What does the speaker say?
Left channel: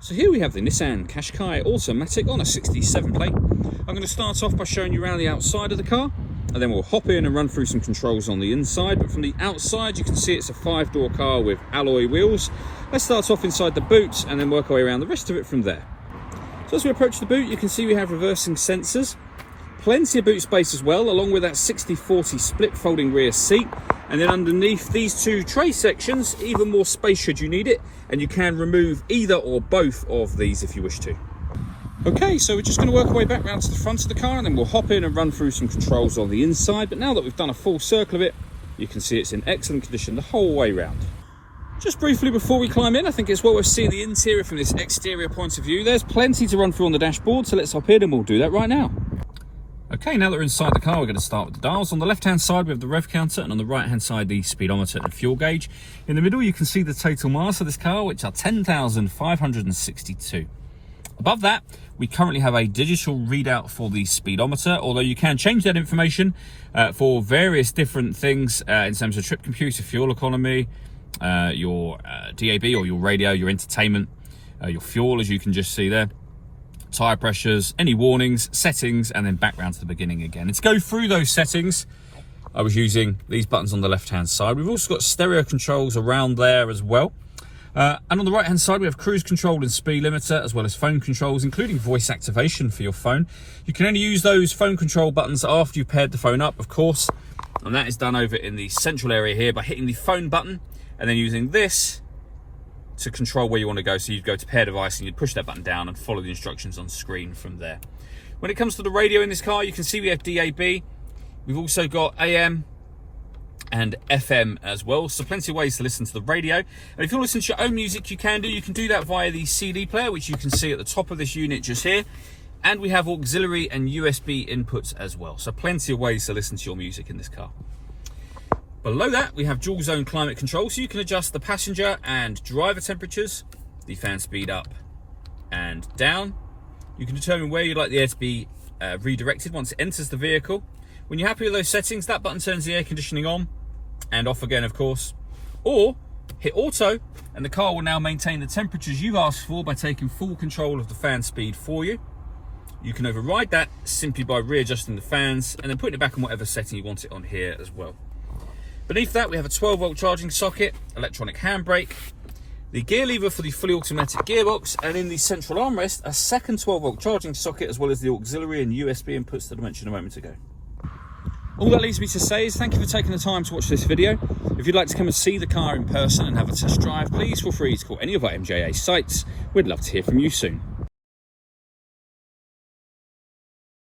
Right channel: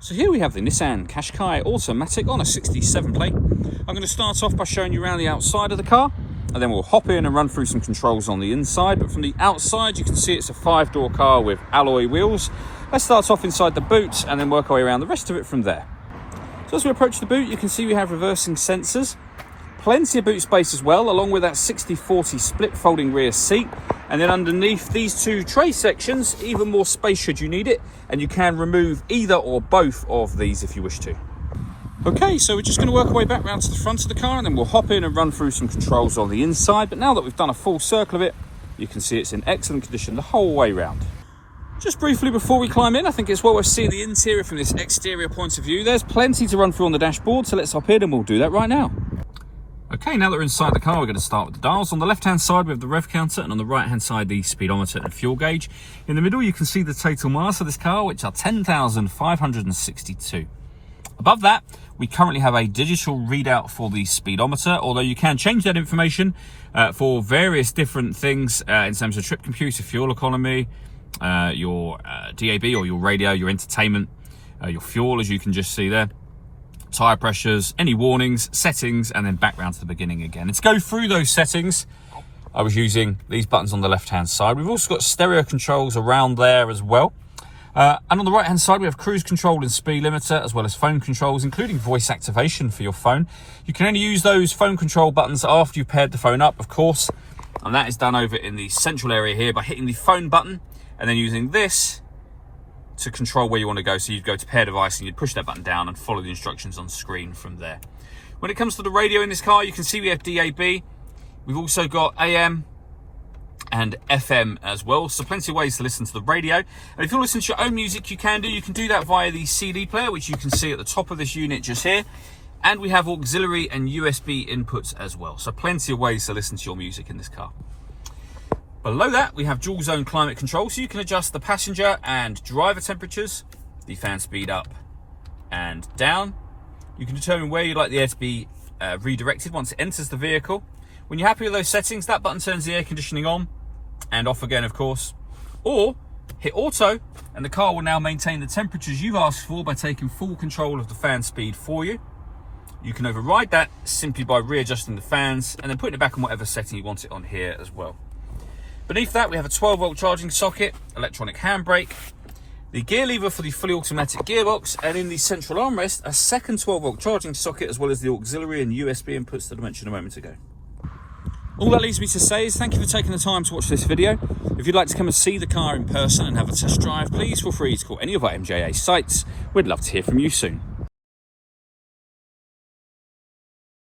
So here we have the Nissan Qashqai automatic on a 67 plate. I'm going to start off by showing you around the outside of the car, and then we'll hop in and run through some controls on the inside. But from the outside, you can see it's a 5-door car with alloy wheels. Let's start off inside the boot and then work our way around the rest of it from there. So as we approach the boot, you can see we have reversing sensors. Plenty of boot space as well, along with that 60/40 split folding rear seat. And then underneath these two tray sections, even more space should you need it. And you can remove either or both of these if you wish to. Okay, so we're just going to work our way back round to the front of the car, and then we'll hop in and run through some controls on the inside. But now that we've done a full circle of it, you can see it's in excellent condition the whole way round. Just briefly before we climb in, I think it's well worth seeing the interior from this exterior point of view. There's plenty to run through on the dashboard, so let's hop in and we'll do that right now. Okay, now that we're inside the car, we're going to start with the dials. On the left-hand side, we have the rev counter, and on the right-hand side, the speedometer and fuel gauge. In the middle, you can see the total miles of this car, which are 10,562. Above that, we currently have a digital readout for the speedometer, although you can change that information for various different things in terms of trip computer, fuel economy, your DAB or your radio, your entertainment, your fuel, as you can just see there. Tyre pressures, any warnings, settings, and then back round to the beginning again. And to go through those settings, I was using these buttons on the left-hand side. We've also got stereo controls around there as well. And on the right-hand side, we have cruise control and speed limiter, as well as phone controls, including voice activation for your phone. You can only use those phone control buttons after you've paired the phone up, of course. And that is done over in the central area here by hitting the phone button and then using this to control where you want to go. So you'd go to pair device and you'd push that button down and follow the instructions on screen from there. When it comes to the radio in this car, you can see we have DAB. We've also got AM and FM as well, so plenty of ways to listen to the radio. And if you want to listen to your own music, you can do that via the CD player, which you can see at the top of this unit just here. And we have auxiliary and USB inputs as well, so plenty of ways to listen to your music in this car. Below that, we have dual zone climate control, so you can adjust the passenger and driver temperatures, the fan speed up and down. You can determine where you'd like the air to be redirected once it enters the vehicle. When you're happy with those settings, that button turns the air conditioning on and off again, of course. Or hit auto, and the car will now maintain the temperatures you've asked for by taking full control of the fan speed for you. You can override that simply by readjusting the fans and then putting it back on whatever setting you want it on here as well. Beneath that, we have a 12-volt charging socket, electronic handbrake, the gear lever for the fully automatic gearbox, and in the central armrest, a second 12-volt charging socket, as well as the auxiliary and USB inputs that I mentioned a moment ago. All that leaves me to say is thank you for taking the time to watch this video. If you'd like to come and see the car in person and have a test drive, please feel free to call any of our MJA sites. We'd love to hear from you soon.